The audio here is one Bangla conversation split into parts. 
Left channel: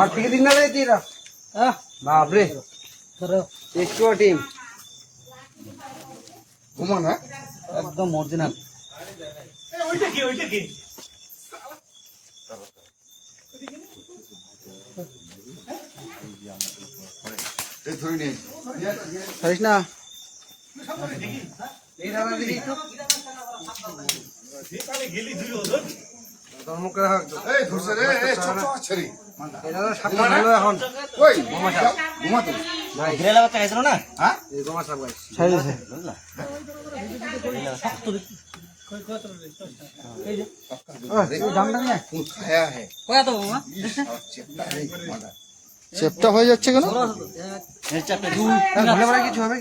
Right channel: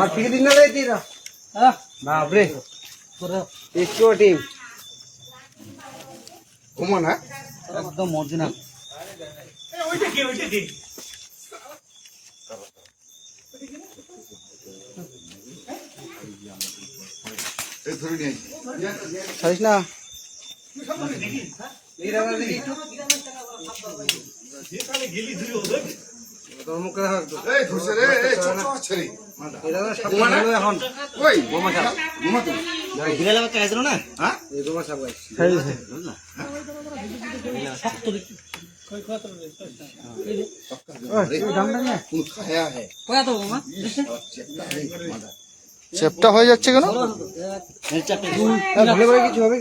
আর ঠিক দিন না রে কিরা হ্যাঁ বাপ রে একটু টিম ঘুমান হ্যাঁ একদম অরিজিনাল ধরে নিয়ে ছাড়িস না চেপটা হয়ে যাচ্ছে কেন কিছু হবে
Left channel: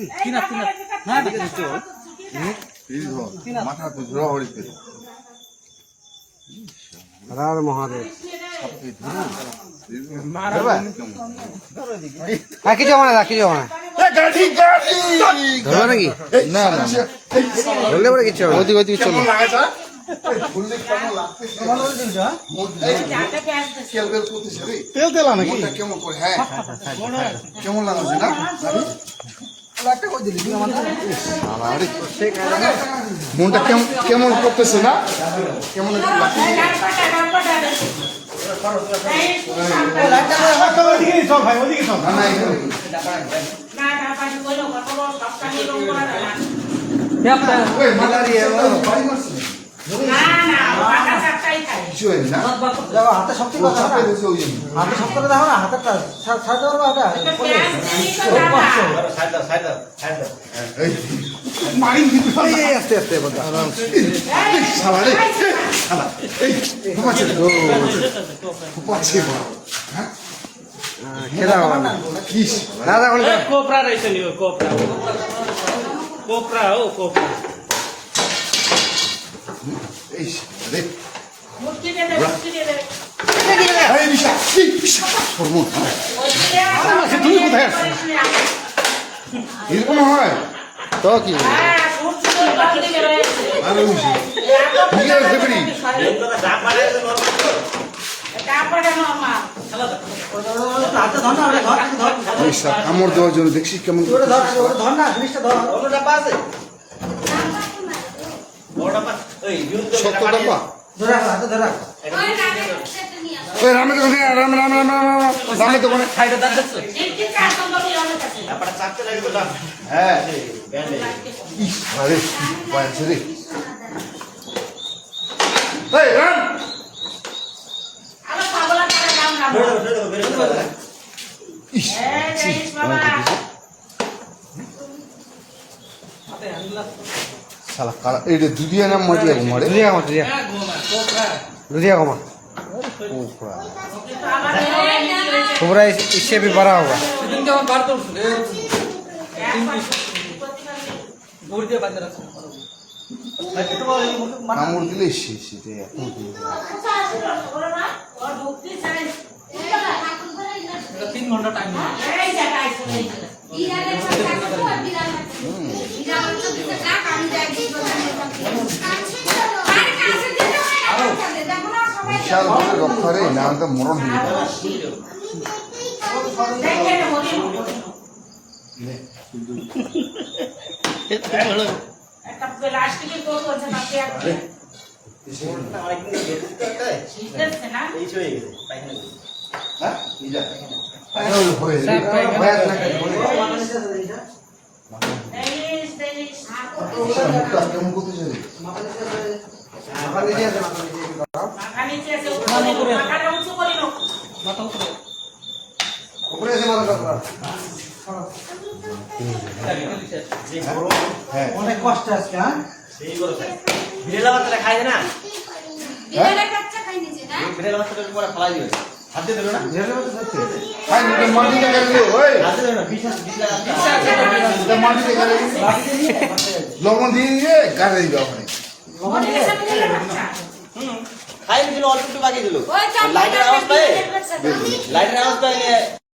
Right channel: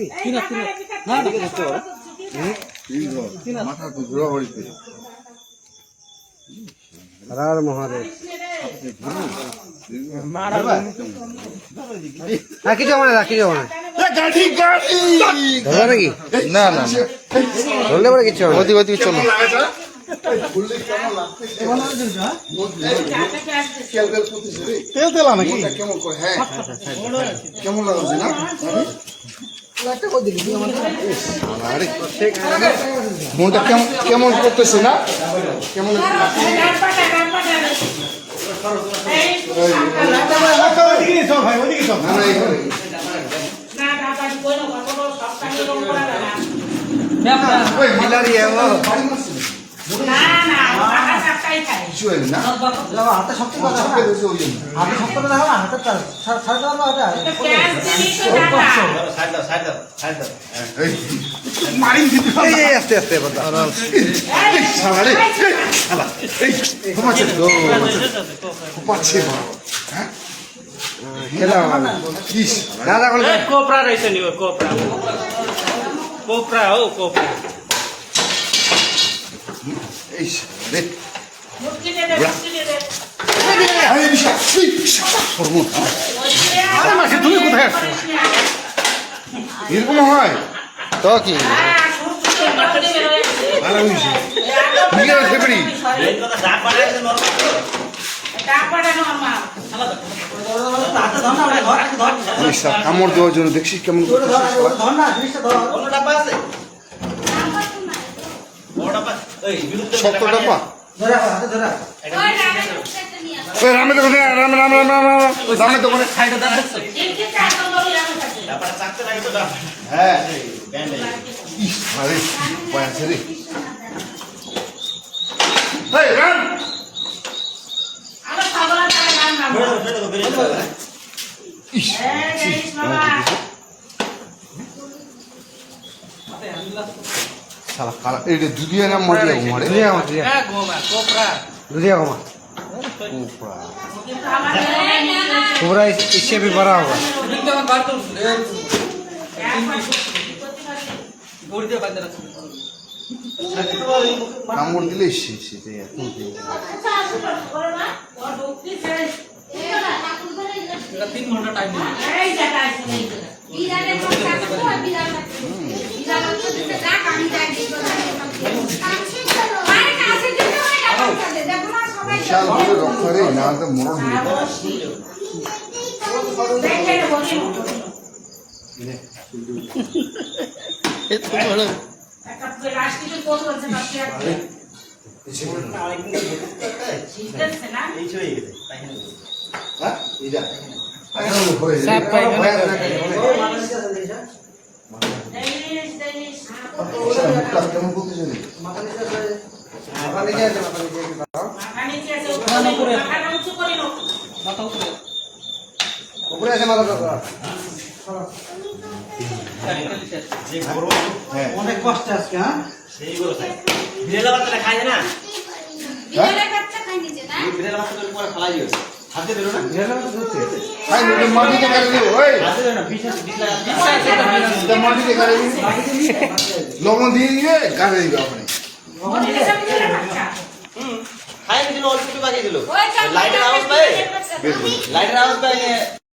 কি মাথা তো ঘোরাঘুরি করে হর মহাদেব কিছু হবে না কিছু হবে না ধরবে নাকি না না ধরলে পরে কিছু হবে ওদিকে ওদিকে চলো তেল তেলা নাকি কেমন করে হ্যাঁ কেমন লাগছে না মনটা কেমন কেমন করতেছে না কেমন হাতে শক্তি হাতে শক্তি দেখো না হাতে আস্তে আস্তে कोपरा रहेछ नि कोपरा कोपरा हो कोपरा তুমি কোথায় আসছো এরকম হয় তো কি কামড় দেওয়ার জন্য দেখছি কেমন সত্তর টাকা রামের দোকানে রাম রাম রাম রাম রামের দোকানে হ্যাঁ এটা দুধিয়া নাম মাটি ঘুমারে दुधिया घुमा पूरा इससे भी बड़ा होगा কামড় দিলে সেটা বিশাল রক্ষরে না তো মরণ হয়ে অনেক কষ্ট আজকে হ্যাঁ বিড়াল বাচ্চাটা খায় না বিড়াল বাচ্চাটা পরে খালাই দিবে হাতে ধরো না মাটিতে কাটলে ওই মাটিতে কাটলে লবণ দিয়ে দিয়ে কাটে দিবে ওখানে খাই দিল অল্প একটু বাকি দিল লাইটের আওয়াজ পায়